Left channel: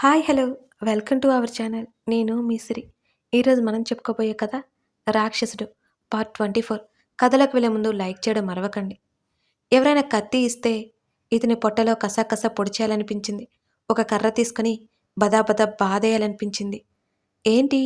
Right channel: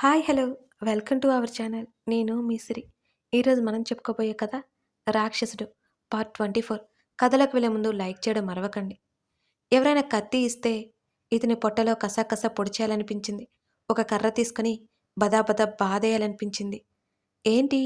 Hi hello welcome to our channel. నేను మీ సిరి. ఈరోజు మనం చెప్పుకోబోయే కథ రాక్షసుడు పార్ట్ 24. కథలోకి వెళ్ళే ముందు లైక్ చేయడం మరవకండి. ఎవరైనా కత్తి ఇస్తే ఇతని పొట్టలో కసకస పొడిచేయాలనిపించింది. ఒక కర్ర తీసుకుని బదాబదా బాధేయాలనిపించింది. ఏంటి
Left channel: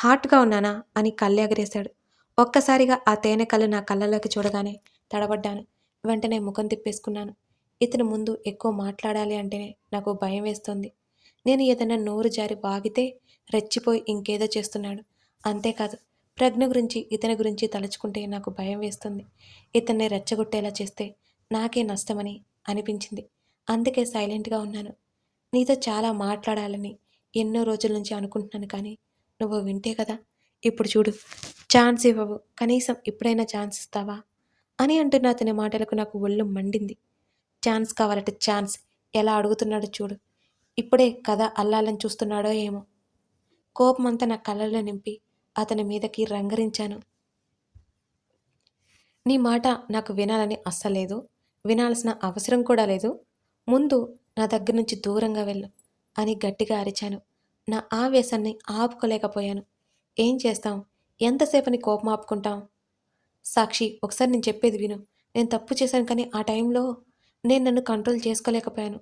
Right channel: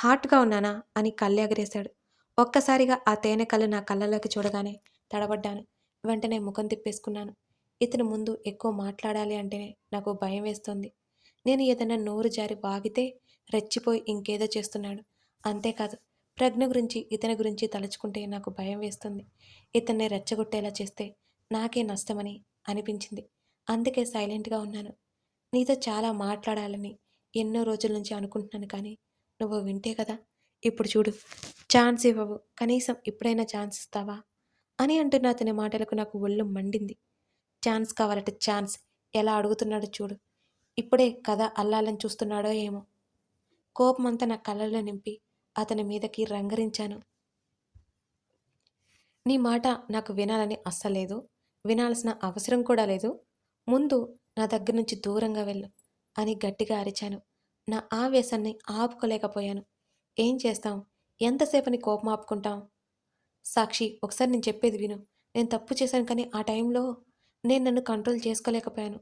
హాట్గా ఉన్నానా అని కళ్ళెగరేశాడు. ఒక్కసారిగా ఆ తేనె కళ్ళు నా కళ్ళలోకి చూడగానే తడబడ్డాను. వెంటనే ముఖం తిప్పేసుకున్నాను. ఇతని ముందు ఎక్కువ మాట్లాడాలి అంటేనే నాకు భయం వేస్తోంది. నేను ఏదైనా నోరు జారి వాగితే రెచ్చిపోయి ఇంకేదో చేస్తున్నాడు. అంతేకాదు, ప్రజ్ఞ గురించి ఇతని గురించి తలుచుకుంటే నాకు భయం వేస్తుంది. ఇతన్ని రెచ్చగొట్టేలా చేస్తే నాకే నష్టమని అనిపించింది. అందుకే సైలెంట్గా ఉన్నాను. నీతో చాలా మాట్లాడాలని ఎన్నో రోజుల నుంచి అనుకుంటున్నాను, కానీ నువ్వు వింటే కదా. ఇప్పుడు చూడు, ఛాన్స్ ఇవ్వవు, కనీసం ఇప్పుడైనా ఛాన్స్ ఇస్తావా అని అంటున్న అతని మాటలకు నాకు ఒళ్ళు మండింది. ఛాన్స్ కావాలట ఛాన్స్, ఎలా అడుగుతున్నాడో చూడు. ఇప్పుడే కథ అల్లాలని చూస్తున్నాడో ఏమో. కోపమంతా నా కళ్ళల్లో నింపి అతని మీదకి రంగరించాను. నీ మాట నాకు వినాలని అస్సలేదు. వినాల్సిన అవసరం కూడా లేదు. ముందు నా దగ్గర నుంచి దూరంగా వెళ్ళు అని గట్టిగా అరిచాను. నా ఆవేశాన్ని ఆపుకోలేకపోయాను. ఏం చేస్తాం? ఎంతసేపని కోపం ఆపుకుంటాం? సాక్షి, ఒకసారి నేను చెప్పేది విను. నేను తప్పు చేశాను, కానీ ఆ టైంలో నేను నన్ను కంట్రోల్ చేసుకోలేకపోయాను.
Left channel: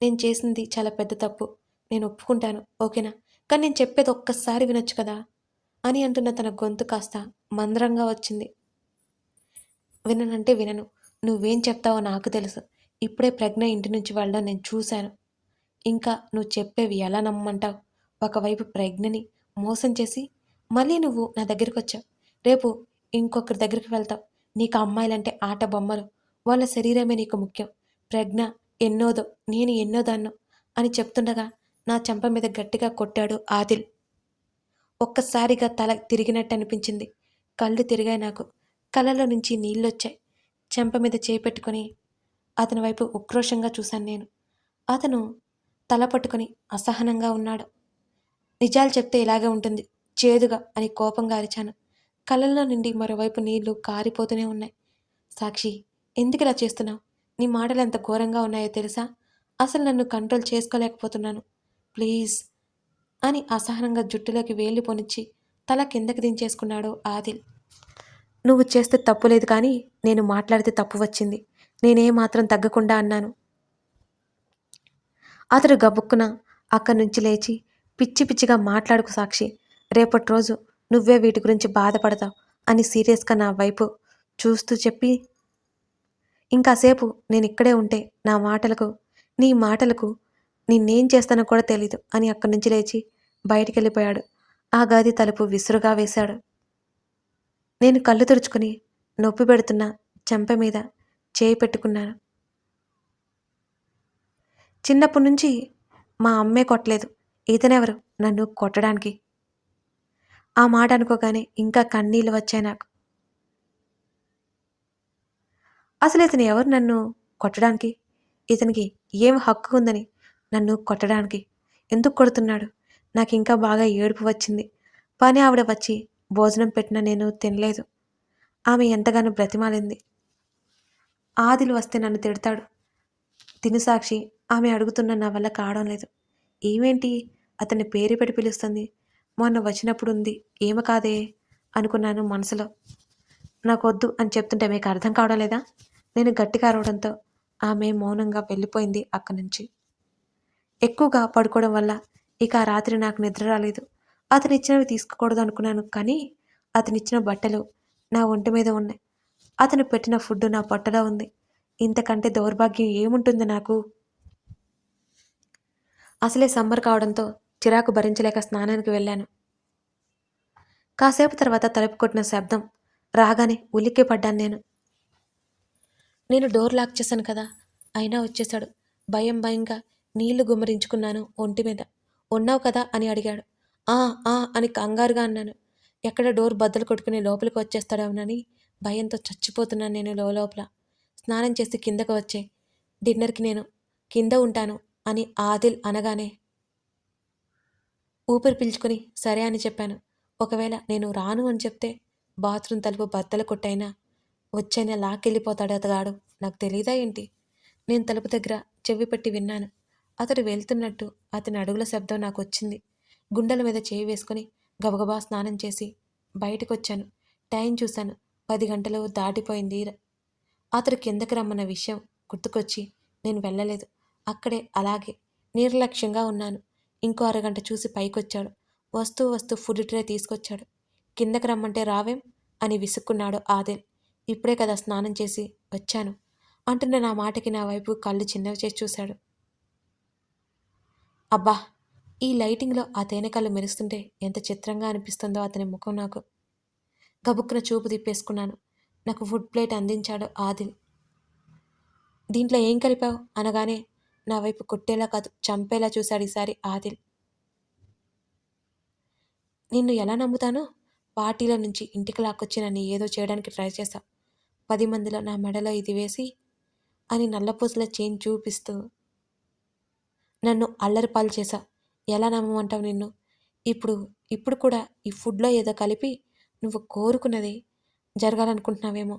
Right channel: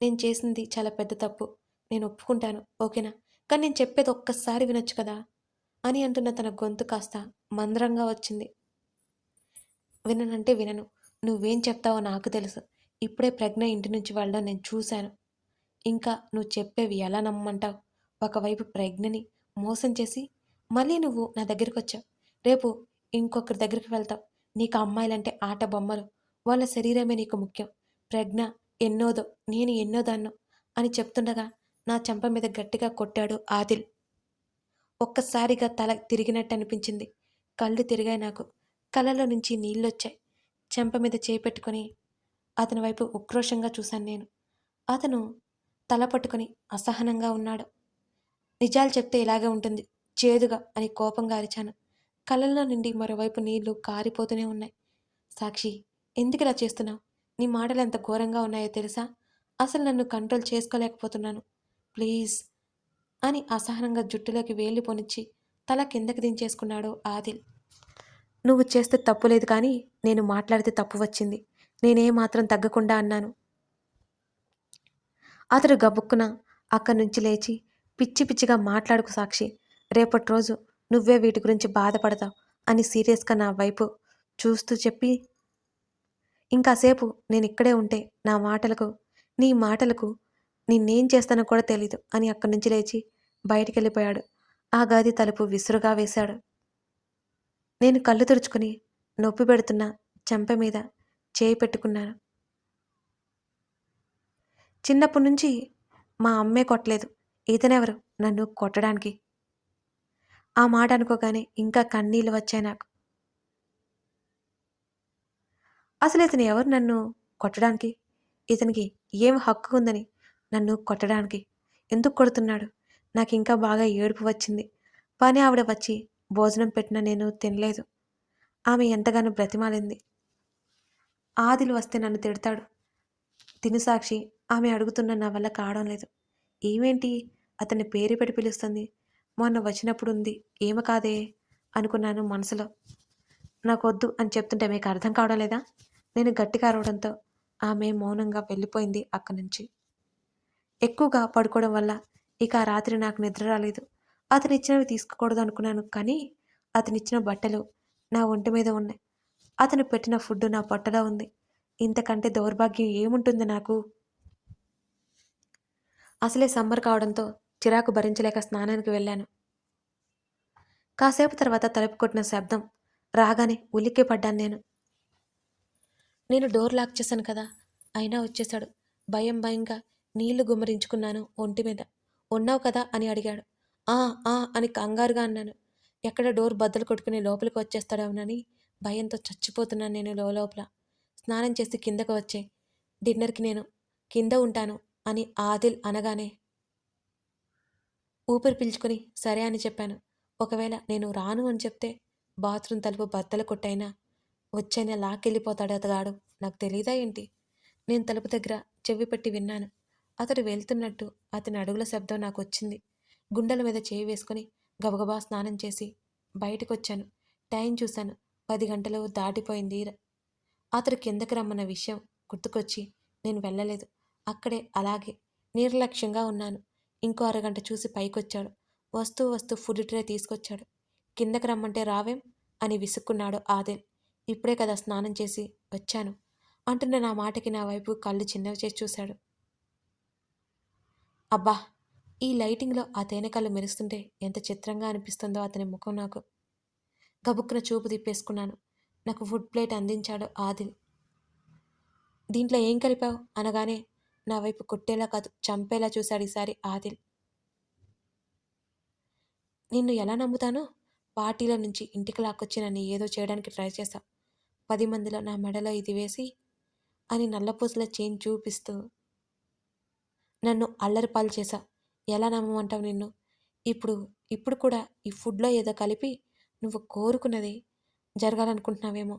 నేను చేసింది చాలా పెద్ద తప్పు. నేను ఒప్పుకుంటాను, ఓకేనా? కానీ నేను చెప్పేది ఒక్కసారి వినొచ్చు కదా అని అంటున్న తన గొంతు కాస్త మందరంగా వచ్చింది. విననంటే వినను. నువ్వేం చెప్తావో నాకు తెలుసు. ఇప్పుడే ప్రజ్ఞ ఇంటి నుంచి వెళ్ళడం నేను చూశాను. ఇంకా నువ్వు చెప్పేవి ఎలా నమ్మంటావు? ఒకవైపు ప్రజ్ఞని మోసం చేసి మళ్ళీ నువ్వు నా దగ్గరికొచ్చావు. రేపు ఇంకొకరి దగ్గరికి వెళ్తావు. నీకు ఆ అమ్మాయిలంటే ఆట బొమ్మలు. వాళ్ళ శరీరమే నీకు ముఖ్యం. ప్రజ్ఞ ఎన్నోదో, నేను ఎన్నోదాన్నో అని చెప్తుండగా నా చెంప మీద గట్టిగా కొట్టాడు ఆదిల్. ఒక్కసారిగా తల తిరిగినట్టు అనిపించింది. కళ్ళు తిరిగాయి నాకు. కళ్ళలో నుంచి నీళ్ళొచ్చాయి. చెంప మీద చేయి పెట్టుకొని అతని వైపు ఉక్రోషంగా చూశాను నేను. అతను తల పట్టుకొని అసహనంగా ఉన్నాడు. నిజాలు చెప్తే ఇలాగే ఉంటుంది, చేదుగా అని కోపంగా అరిచాను. కళ్ళల్లో నుండి మరోవైపు నీళ్లు కారిపోతూనే ఉన్నాయి. సాక్షి, ఎందుకిలా చేస్తున్నావు? నీ మాటలు ఎంత ఘోరంగా ఉన్నాయో తెలుసా? అసలు నన్ను కంట్రోల్ చేసుకోలేకపోతున్నాను. ప్లీజ్ అని అసహనంగా జుట్టులోకి వేళ్ళు పొనిచ్చి తల కిందకి దించేసుకున్నాడు ఆదిల్. నువ్వు చేస్తే తప్పు లేదు, కానీ నేను మాట్లాడితే తప్పు వచ్చింది. నేనే మాత్రం తగ్గకుండా అన్నాను. అతడు గబుక్కున అక్కడి నుంచి లేచి పిచ్చి పిచ్చిగా మాట్లాడుకు సాక్షి. రేపటి రోజు నువ్వే వీటి గురించి బాధపడతావు అని సీరియస్గా నా వైపు చూస్తూ చెప్పి, ఇంకాసేపు నేను ఇక్కడే ఉంటే నీ మాటలకు నిన్నేం చేస్తానో కూడా తెలీదు అని అక్కడి నుంచి లేచి బయటికెళ్ళిపోయాడు. ఆ గది తలుపు విసురుగా వేశాడు. నేను కళ్ళు తుడుచుకుని నొప్పి పెడుతున్న చెంప మీద చేయి పెట్టుకున్నాను. చిన్నప్పటి నుంచి మా అమ్మే కొట్టలేదు. ఇతనెవరు నన్ను కొట్టడానికి? ఆ మాట అనుకోగానే ఇంకా కన్నీళ్ళు వచ్చాయి నాకు. అసలు ఇతను ఎవరు నన్ను కొట్టడానికి? ఇతనికి ఏం హక్కు ఉందని నన్ను కొట్టడానికి? ఎందుకు కొడుతున్నాడు? నాకింకా బాగా ఏడుపు వచ్చింది. పని ఆవిడ వచ్చి భోజనం పెట్టినా నేను తినలేదు. ఆమె ఎంతగానో బ్రతిమాలింది. ఆదిలు వస్తే నన్ను తిడతాడు. తిను సాక్షి, ఆమె అడుగుతున్న నా వల్ల కావడం లేదు. ఏమేంటి అతన్ని పేరు పెట్టి పిలుస్తుంది? మొన్న వచ్చినప్పుడు ఉంది, ఏమ కాదే అనుకున్నాను మనసులో. నాకొద్దు అని చెప్తుంటే మీకు అర్థం కావడం లేదా? నేను గట్టిగా అరవడంతో ఆమె మౌనంగా వెళ్ళిపోయింది అక్కడి నుంచి. ఎక్కువగా పడుకోవడం వల్ల ఇక ఆ రాత్రి నాకు నిద్ర రాలేదు. అతనిచ్చినవి తీసుకోకూడదు అనుకున్నాను, కానీ అతనిచ్చిన బట్టలు నా ఒంటి మీద ఉన్నాయి. అతను పెట్టిన ఫుడ్ నా పొట్టలో ఉంది. ఇంతకంటే దౌర్భాగ్యం ఏముంటుంది నాకు? అసలే సమ్మర్ కావడంతో చిరాకు భరించలేక స్నానానికి వెళ్ళాను. కాసేపు తర్వాత తలుపు కొట్టిన శబ్దం రాగానే ఉలిక్కి పడ్డాను నేను. నేను డోర్ లాక్ చేశాను కదా, అయినా వచ్చేశాడు. భయంగా నీళ్లు గుమ్మరించుకున్నాను ఒంటి మీద. ఉన్నావు కదా అని అడిగాడు. ఆ ఆ అని కంగారుగా అన్నాను. ఎక్కడ డోర్ బద్దలు కొట్టుకుని లోపలికి వచ్చేస్తాడేమోనని భయంతో చచ్చిపోతున్నాను నేను లోపల. స్నానం చేసి కిందకు వచ్చే, డిన్నర్కి నేను కింద ఉంటాను అని ఆదిల్ అనగానే ఊపిరి పీల్చుకొని సరే అని చెప్పాను. ఒకవేళ నేను రాను అని చెప్తే బాత్రూమ్ తలుపు బద్దలు కొట్టైనా వచ్చైనా లాక్కెళ్ళిపోతాడు అతగాడు. నాకు తెలీదా ఏంటి? నేను తలుపు దగ్గర చెవి పెట్టి విన్నాను. అతడు వెళ్తున్నట్టు అతని అడుగుల శబ్దం నాకొచ్చింది. గుండెల మీద చేయి వేసుకొని గబగబా స్నానం చేసి బయటకొచ్చాను. టైం చూశాను. 10 గంటలు దాటిపోయింది. అతడు కిందకి రమ్మన్న విషయం గుర్తుకొచ్చి నేను వెళ్ళలేదు. అక్కడే అలాగే నిర్లక్ష్యంగా ఉన్నాను. ఇంకో అరగంట చూసి పైకొచ్చాడు. వస్తూ వస్తూ ఫుడ్ ట్రే తీసుకొచ్చాడు. కిందకి రమ్మంటే రావేం అని విసుక్కున్నాడు ఆదిల్. ఇప్పుడే కదా స్నానం చేసి వచ్చాను అంటున్న నా మాటకి నా వైపు కళ్ళు చిన్నవి చేసి చూశాడు. అబ్బా! ఈ లైటింగ్‌లో ఆ తేనె కళ్ళు మెరుస్తుంటే ఎంత చిత్రంగా అనిపిస్తుందో అతని ముఖం నాకు. గబుక్కున చూపు తిప్పేసుకున్నాను. నాకు ఫుడ్ ప్లేట్ అందించాడు ఆదిల్. దీంట్లో ఏం కలిపావు అనగానే నా వైపు కొట్టేలా కాదు చంపేలా చూశాడు ఈసారి ఆదిల్. నిన్ను ఎలా నమ్ముతాను? పార్టీలో నుంచి ఇంటికి లాక్కొచ్చి నన్ను ఏదో చేయడానికి ట్రై చేశావు. 10 మందిలో నా మెడలో ఇది వేసి అని నల్లపూసల చైన్ చూపిస్తూ నన్ను అల్లరిపాలు చేశావు. ఎలా నమ్మమంటావు నిన్ను? ఇప్పుడు ఇప్పుడు కూడా ఈ ఫుడ్‌లో ఏదో కలిపి నువ్వు కోరుకున్నది జరగాలనుకుంటున్నావేమో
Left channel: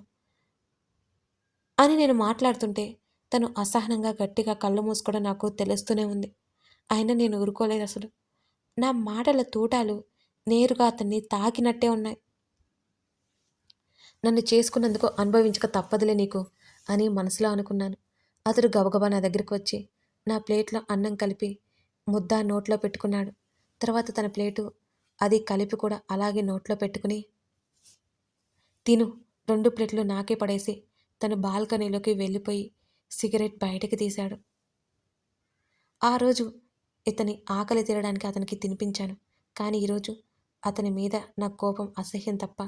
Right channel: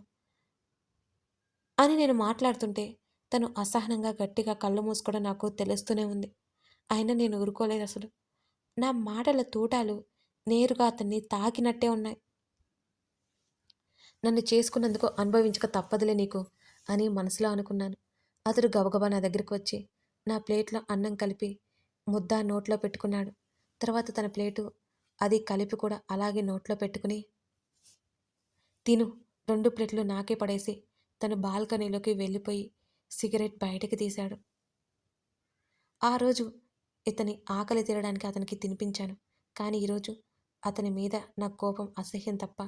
అని నేను మాట్లాడుతుంటే తను అసహనంగా గట్టిగా కళ్ళు మూసుకోవడం నాకు తెలుస్తూనే ఉంది. అయినా నేను ఊరుకోలేదసలు. నా మాటల తూటాలు నేరుగా అతన్ని తాకినట్టే ఉన్నాయి. నన్ను చేసుకున్నందుకు అనుభవించక తప్పదులే నీకు అని మనసులో అనుకున్నాను. అతడు గబగబా నా దగ్గరికి వచ్చి నా ప్లేట్లో అన్నం కలిపి ముద్ద నోట్లో పెట్టుకున్నాడు. తర్వాత తన ప్లేటు అది కలిపి కూడా అలాగే నోట్లో పెట్టుకుని తిను 2 ప్లేట్లు నాకే పడేసి తను బాల్కనీలోకి వెళ్ళిపోయి సిగరెట్ బయటకి తీశాడు. ఆ రోజు ఇతని ఆకలి తీరడానికి అతనికి తినిపించాను. కానీ ఈరోజు అతని మీద నాకు కోపం, అసహ్యం తప్ప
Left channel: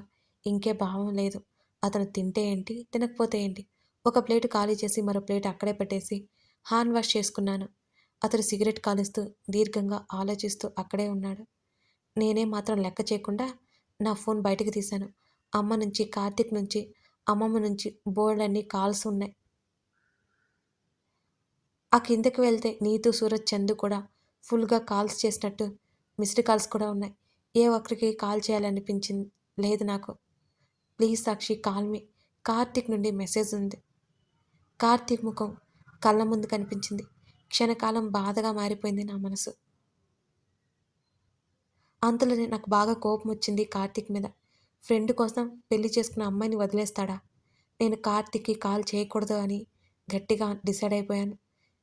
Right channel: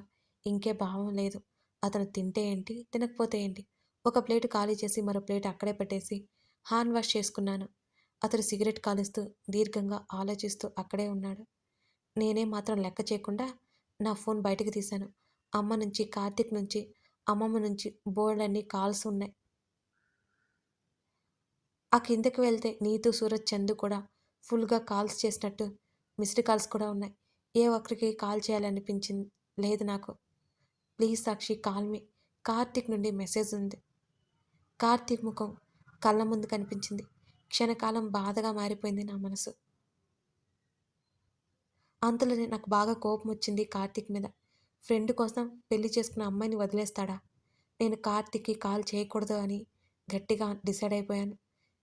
ఇంకే భావం లేదు. అతను తింటే ఏంటి, తినకపోతే ఏంటి? ఒక ప్లేటు ఖాళీ చేసి మరో ప్లేట్ అక్కడే పెట్టేసి హ్యాండ్ వాష్ చేసుకున్నాను. అతడు సిగరెట్ కాలుస్తూ దీర్ఘంగా ఆలోచిస్తూ అక్కడే ఉన్నాడు. నేనే మాత్రం లెక్క చేయకుండా నా ఫోన్ బయటకు తీశాను. అమ్మ నుంచి, కార్తీక్ నుంచి, అమ్మమ్మ నుంచి బోలెడన్ని కాల్స్ ఉన్నాయి. ఆ కిందకి వెళ్తే నీతు, సూరజ్, చందు కూడా ఫుల్‌గా కాల్స్ చేసినట్టు మిస్డ్ కాల్స్ కూడా ఉన్నాయి. ఏ ఒక్కరికి కాల్ చేయాలనిపించింది లేదు నాకు. Please Sakshi call me. Karthik నుండి మెసేజ్ ఉంది. కార్తీక్ ముఖం కళ్ళ ముందు కనిపించింది. క్షణకాలం బాధగా మారిపోయింది నా మనసు. అంతలోనే నాకు బాగా కోపం వచ్చింది కార్తీక్ మీద. ఫ్రెండ్ కోసం పెళ్లి చేసుకున్న అమ్మాయిని వదిలేస్తాడా? నేను కార్తీక్‌కి కాల్ చేయకూడదు అని గట్టిగా డిసైడ్ అయిపోయాను.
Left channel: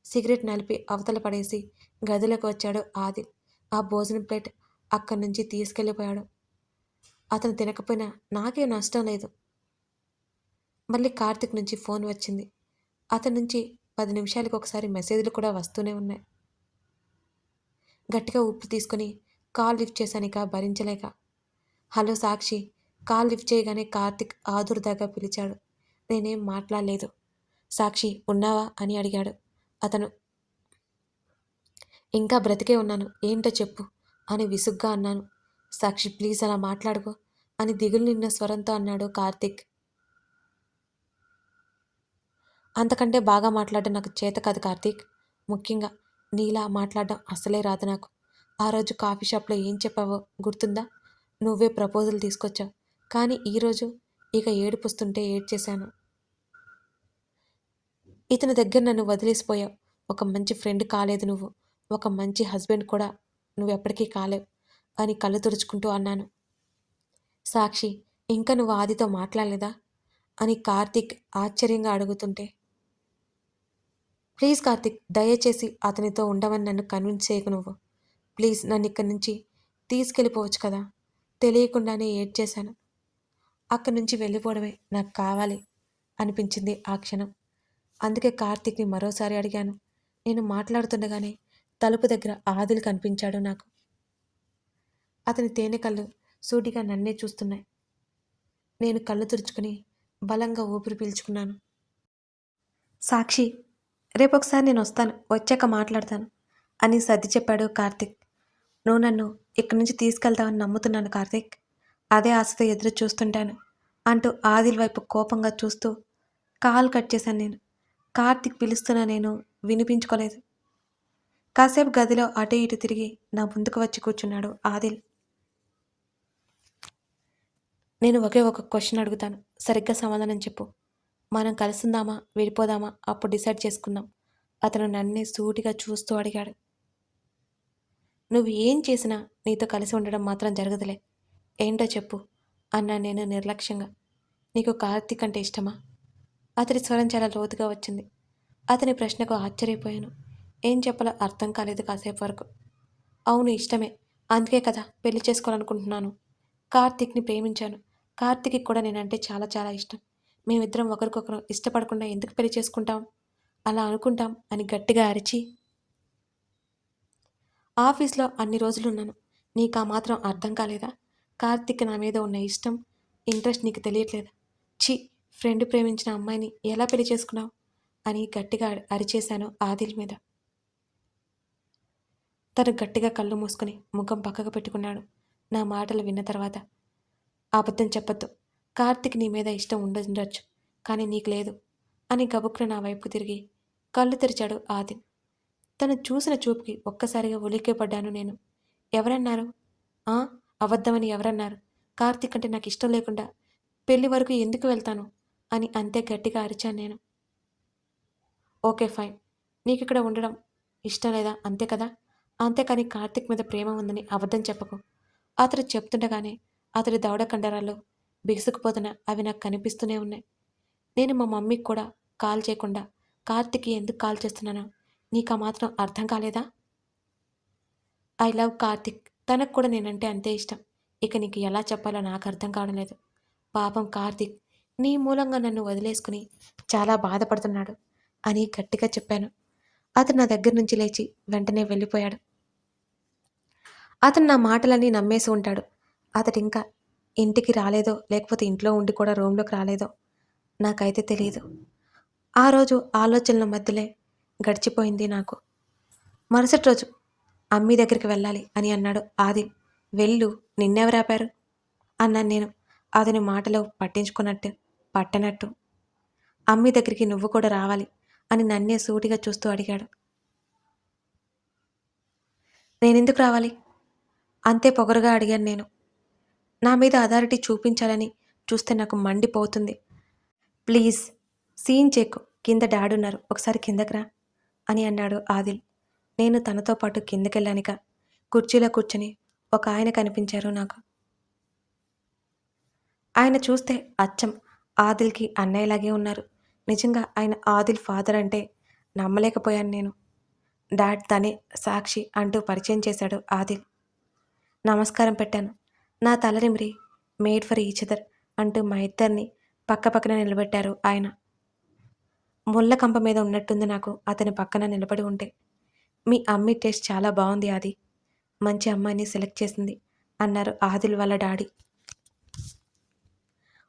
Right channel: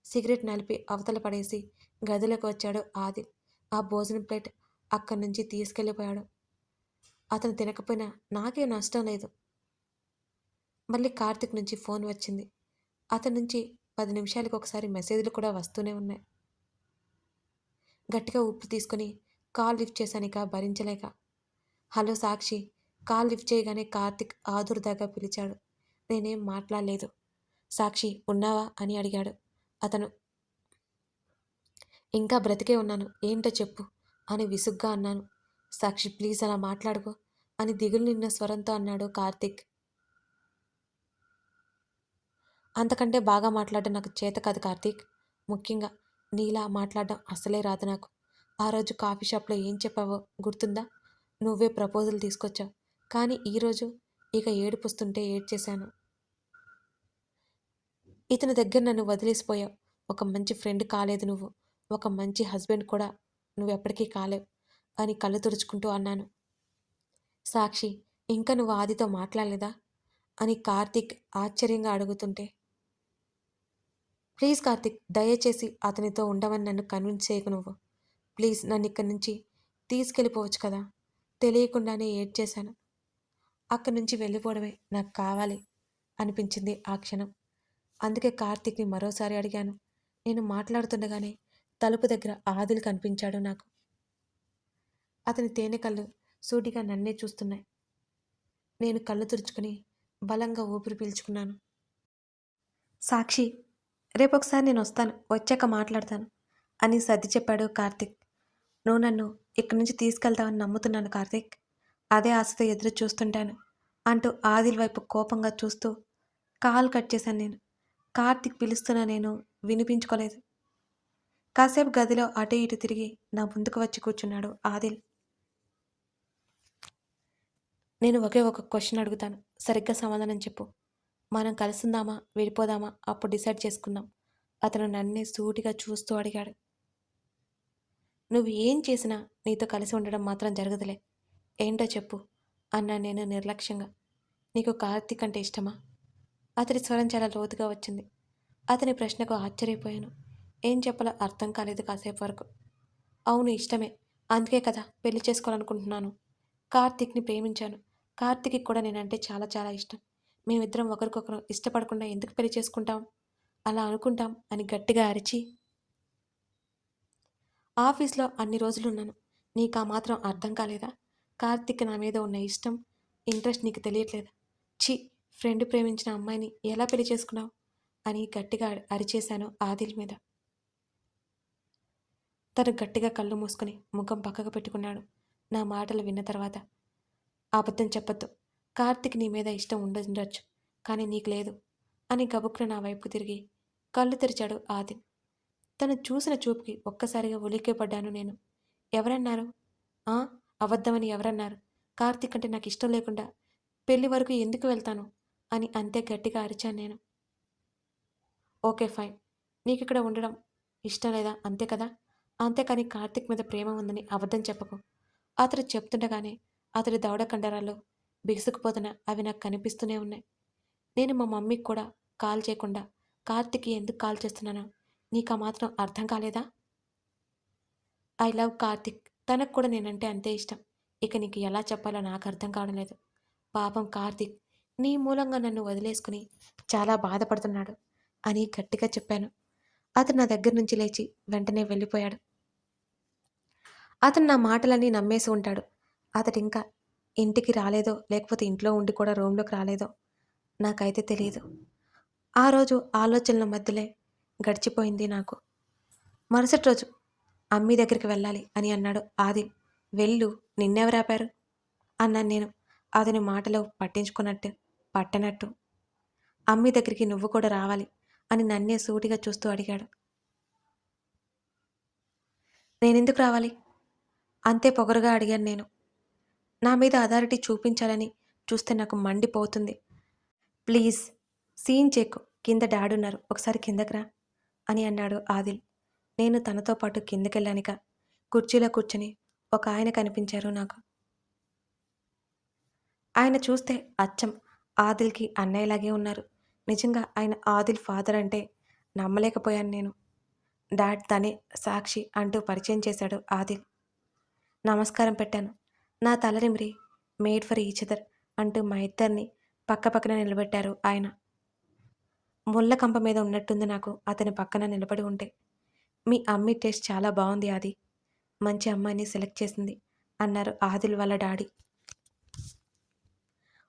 సిగరెట్ నలిపి అవతల పడేసి గదిలోకి వచ్చాడు ఆదిల్. ఆ భోజనం ప్లేట్ అక్కడి నుంచి తీసుకెళ్ళిపోయాడు. అతను తినకపోయినా నాకేం నష్టం లేదు. మళ్ళీ కార్తీక్ నుంచి ఫోన్ వచ్చింది. అతని నుంచి 10 నిమిషాలకు ఒకసారి మెసేజ్‌లు కూడా వస్తూనే ఉన్నాయి. గట్టిగా ఊపిరి తీసుకొని కాల్ లిఫ్ట్ చేశానిక భరించలేక. హలో సాక్షి. కాల్ లిఫ్ట్ చేయగానే కార్తీక్ ఆదుర్దాగా పిలిచాడు. నేనేం మాట్లాడలేదు. సాక్షి ఉన్నావా అని అడిగాడు అతను. ఇంకా బ్రతికే ఉన్నాను. ఏంటో చెప్పు అని విసుగ్గా అన్నాను. సాక్షి ప్లీజ్ అలా మాట్లాడుకో అని దిగులు నిండిన స్వరంతో అన్నాడు కార్తీక్. అంతకంటే బాగా మాట్లాడడం నాకు చేత కాదు కార్తీక్. ముఖ్యంగా నీలా మాట్లాడడం అస్సలే రాదు నాకు. ఆ రోజు కాఫీ షాప్లో ఏం చెప్పావో గుర్తుందా? నువ్వే ప్రపోజల్ తీసుకొచ్చావు. కానీ ఈరోజు ఇక ఏడుపొస్తుంటే ఏడ్చేశాను. ఇతని దగ్గర నన్ను వదిలేసిపోయావు. ఒక మంచి ఫ్రెండ్ కాలేదు నువ్వు. ఒక మంచి హస్బెండ్ కూడా నువ్వెప్పటికీ కాలేవు అని కళ్ళు తుడుచుకుంటూ అన్నాను. సాక్షి ఇంకా నువ్వు ఆదితో మాట్లాడలేదా అని కార్తీక్ ఆశ్చర్యంగా అడుగుతుంటే ప్లీజ్ కార్తీక్ దయచేసి అతనితో ఉండమని నన్ను కన్విన్స్ చేయకు నువ్వు. ప్లీజ్ నన్ను ఇక్కడి నుంచి తీసుకెళ్ళిపోవచ్చు కదా. తెలియకుండానే ఏడ్చేశాను. అక్కడి నుంచి వెళ్ళిపోవడమే నాకు కావాలి అనిపించింది ఆ క్షణం. అందుకే కార్తీక్ని మరోసారి అడిగాను. నేను మాట్లాడుతుండగానే తలుపు దగ్గర ఆదిల్ కనిపించాడు నాకు. అతని తేనె కళ్ళు సూటిగా నన్నే చూస్తున్నాయి. నేను కళ్ళు తుడుచుకుని బలంగా ఊపిరి పీల్చుకున్నాను. సాక్షి రేపొకసారి నేనొస్తాను. వచ్చాక మాట్లాడతాను అని సర్ది చెప్పాడు కార్తీక్. నువ్వు నన్ను ఇక్కడి నుంచి తీసుకెళ్తావని నమ్ముతున్నాను కార్తీక్. అదే ఆశతో ఎదురు చూస్తుంటాను అంటూ ఆదిల్ వైపు కోపంగా చూస్తూ కాల్ కట్ చేశాను నేను. కార్తీక్ పిలుస్తున్నా నేను వినిపించుకోలేదు. కాసేపు గదిలో అటు ఇటు తిరిగి నా ముందుకు వచ్చి కూర్చున్నాడు ఆదిల్. నేను ఒకే ఒక క్వశ్చన్ అడుగుతాను. సరిగ్గా సమాధానం చెప్పు. మనం కలిసుందామా? విడిపోదామా? అప్పుడు డిసైడ్ చేసుకుందాం అతను నన్నే సూటిగా చూస్తూ అడిగాడు. నువ్వు ఏం చేసినా నీతో కలిసి ఉండడం మాత్రం జరగదులే. ఏంటో చెప్పు అన్నాను నేను నిర్లక్ష్యంగా. నీకు కార్తీక్ అంటే ఇష్టమా? అతడి స్వరం చాలా లోతుగా వచ్చింది. అతని ప్రశ్నకు ఆశ్చర్యపోయాను. ఏం చెప్పాలో అర్థం కాలేదు కాసేపు వరకు. అవును ఇష్టమే. అందుకే కదా పెళ్లి చేసుకోవాలనుకుంటున్నాను. కార్తీక్‌ని ప్రేమించాను. కార్తీక్‌కి కూడా నేనంటే చాలా చాలా ఇష్టం. మేమిద్దరం ఒకరికొకరు ఇష్టపడకుండా ఎందుకు పెళ్లి చేసుకుంటాం? అలా అనుకుంటాం అని గట్టిగా అరిచి ఆఫీస్‌లో అన్ని రోజులున్నాను. నీకా మాత్రం అర్థం కాలేదా? కార్తీక్‌కి నా మీద ఉన్న ఇష్టం, ఇంట్రెస్ట్ నీకు తెలియట్లేదా? ఛీ! ఫ్రెండ్ ప్రేమించిన అమ్మాయిని ఎలా పెళ్లి చేసుకున్నావు? అని గట్టిగా అరిచేశాను ఆదిల్ మీద. తను గట్టిగా కళ్ళు మూసుకొని ముఖం పక్కకు పెట్టుకున్నాడు. నా మాటలు విన్న తర్వాత అబద్ధం చెప్పొద్దు. కార్తీక్ నీ మీద ఇష్టం ఉండుండొచ్చు. కానీ నీకు లేదు అని గబుక్కున నా వైపుకు తిరిగి కళ్ళు తెరిచాడు ఆదిల్. తను చూసిన చూపుకి ఒక్కసారిగా ఉలిక్కిపడ్డాను నేను. ఎవరన్నారు? ఆ! అబద్ధమని ఎవరన్నారు? కార్తీక్ అంటే నాకిష్టం లేకుండా పెళ్లి వరకు ఎందుకు వెళ్తాను? అని అంతే గట్టిగా అరిచాను నేను. Okay fine. నీకిక్కడ ఉండడం ఇష్టం లేదా అంతే కదా? అంతేకాని కార్తీక్ మీద ప్రేమ ఉందని అబద్ధం చెప్పకు. అతడు చెప్తుండగానే అతడి దవడ కండరాలు బిగుసుకుపోతున్నా అవి నాకు కనిపిస్తూనే ఉన్నాయి. నేను మా మమ్మీకి కూడా కాల్ చేయకుండా కార్తీక్‌కి ఎందుకు కాల్ చేస్తున్నానో నీకా మాత్రం అర్థం కాలేదా? I love Karthik. తనకు కూడా నేనంటే అంతే ఇష్టం. ఇక నీకు ఎలా చెప్పాలో నాకు అర్థం కావడం లేదు. పాపం కార్తీక్ నీ మూలంగా నన్ను వదిలేసుకుని చాలా బాధపడుతున్నాడు అని గట్టిగా చెప్పాను. అతను నా దగ్గర నుంచి లేచి వెంటనే వెళ్ళిపోయాడు. అతను నా మాటలన్నీ నమ్మేసి ఉంటాడు. అతడింకా ఇంటికి రాలేదో, లేకపోతే ఇంట్లో ఉండి కూడా రూమ్‌లోకి రాలేదో నాకైతే తెలీదు. ఆ రోజు ఆలోచనల మధ్యలే గడిచిపోయింది నాకు. మరుసటి రోజు అమ్మీ దగ్గరికి వెళ్ళాలి అని అన్నాడు ఆదిల్. వెళ్ళు, నిన్నెవరాపారు? అన్నాను నేను. అతని మాటలు పట్టనట్టు. అమ్మీ దగ్గరికి నువ్వు కూడా రావాలి అని నన్నే సూటిగా చూస్తూ అడిగాడు. నేనెందుకు రావాలి? అంతే పొగరుగా అడిగాను నేను. నా మీద అథారిటీ చూపించాలని చూస్తే నాకు మండిపోతుంది. ప్లీజ్ సీన్ చెక్కు. కింద డాడున్నారు. ఒకసారి కిందకి రా అని అన్నాడు ఆదిల్. నేను తనతో పాటు కిందకెళ్ళానిక. కుర్చీలో కూర్చొని ఒక ఆయన కనిపించారు నాకు. ఆయన చూస్తే అచ్చం ఆదిల్‌కి అన్నయ్యలాగే ఉన్నారు. నిజంగా ఆయన ఆదిల్ ఫాదర్ అంటే నమ్మలేకపోయాను నేను. డాడ్ తనే సాక్షి అంటూ పరిచయం చేశాడు ఆదిల్. నమస్కారం పెట్టాను. నా తల నిమిరి మేడ్ ఫర్ ఈచ్ అదర్ అంటూ మా ఇద్దరిని పక్కపక్కన నిలబెట్టారు ఆయన. ముళ్ళ కంప మీద ఉన్నట్టుంది నాకు అతని పక్కన నిలబడి ఉంటే. మీ అమ్మి టేస్ట్ చాలా బావుంది ఆది. మంచి అమ్మాయిని సెలెక్ట్ చేసింది అన్నారు ఆదిల్ వాళ్ళ డాడీ.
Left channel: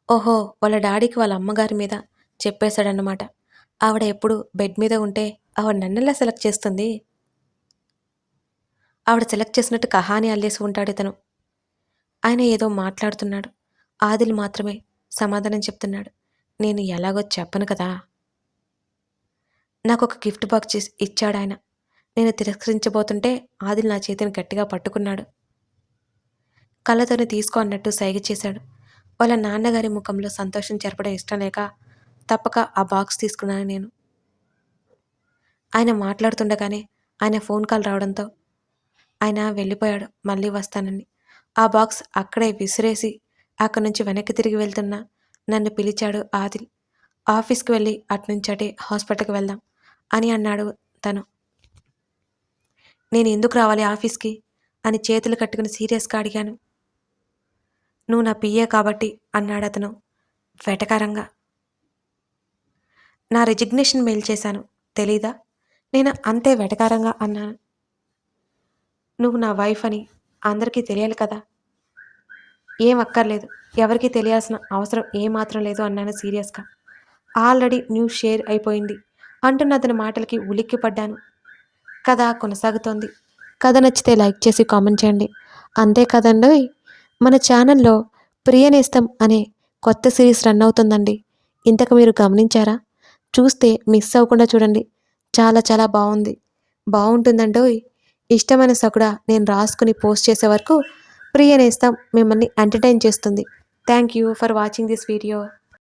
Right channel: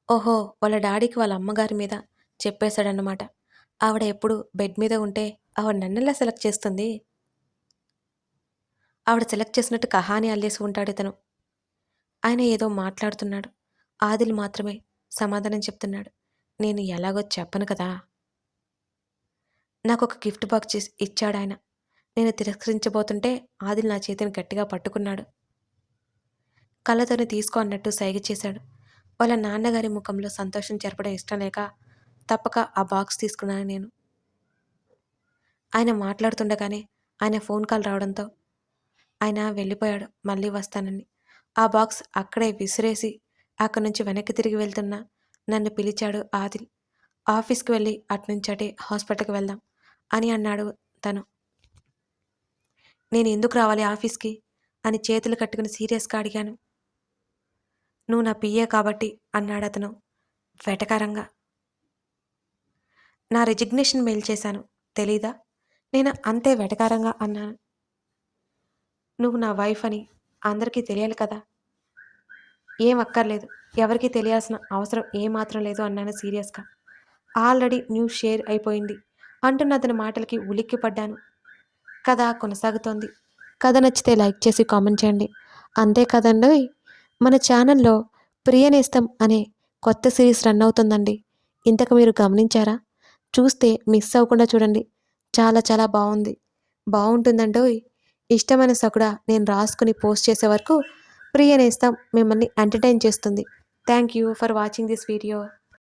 ఓహో! వాళ్ళ డాడీకి వాళ్ళ అమ్మగారి మీద చెప్పేశాడన్నమాట. ఆవిడ ఎప్పుడు బెడ్ మీద ఉంటే ఆవిడ నన్నెలా సెలెక్ట్ చేస్తుంది? ఆవిడ సెలెక్ట్ చేసినట్టు కహాని అల్లేసి ఉంటాడితను. ఆయన ఏదో మాట్లాడుతున్నాడు. ఆదిల్ మాత్రమే సమాధానం చెప్తున్నాడు. నేను ఎలాగో చెప్పను కదా! నాకొక గిఫ్ట్ బాక్స్ ఇచ్చాడాయన. నేను తిరస్కరించబోతుంటే ఆదిల్ నా చేతిని గట్టిగా పట్టుకున్నాడు. కళ్ళతోనే తీసుకో అన్నట్టు సైగ చేశాడు. వాళ్ళ నాన్నగారి ముఖంలో సంతోషం చెరపడం ఇష్టం లేక తప్పక ఆ బాక్స్ తీసుకున్నాను నేను. ఆయన మాట్లాడుతుండగానే ఆయన ఫోన్ కాల్ రావడంతో ఆయన వెళ్ళిపోయాడు మళ్ళీ వస్తానని. ఆ బాక్స్ అక్కడే విసిరేసి అక్కడి నుంచి వెనక్కి తిరిగి వెళ్తున్నా నన్ను పిలిచాడు ఆదిల్. ఆఫీస్‌కి వెళ్ళి అటునుంచటే హాస్పిటల్‌కి వెళ్దాం అని అన్నాడు తను. నేను ఎందుకు రావాలి ఆఫీస్‌కి అని చేతులు కట్టుకుని సీరియస్‌గా అడిగాను. నువ్వు నా పిఏ కాబట్టి అన్నాడతను వెటకారంగా. నా రిజిగ్నేషన్ మెయిల్ చేశాను. తెలీదా? నేను అంతే వెటకారంగా అన్నాను. నువ్వు నా వైఫ్ అని అందరికీ తెలియాలి కదా! ఏం అక్కర్లేదు. ఎవరికీ తెలియాల్సిన అవసరం ఏమాత్రం లేదు అన్నాను సీరియస్‌గా. ఆల్రెడీ న్యూస్ షేర్ అయిపోయింది అంటున్న అతని మాటలకి ఉలిక్కిపడ్డాను. కథ కొనసాగుతోంది. కథ నచ్చితే లైక్ చేసి కామెంట్ చేయండి. అంతే కదండోయ్! మన ఛానల్‌లో ప్రియనేస్తం అనే కొత్త సిరీస్ రన్ అవుతుందండి. ఇంతకు మీరు గమనించారా? చూస్తే మిస్ అవ్వకుండా చూడండి. చాలా చాలా బావుంది. బావుంటుందండోయ్! ఇష్టమైన సకుడా నేను రాసుకుని పోస్ట్ చేసే వరకు ప్రియనేస్తం మిమ్మల్ని ఎంటర్‌టైన్ చేస్తుంది. Thank you for watching this video.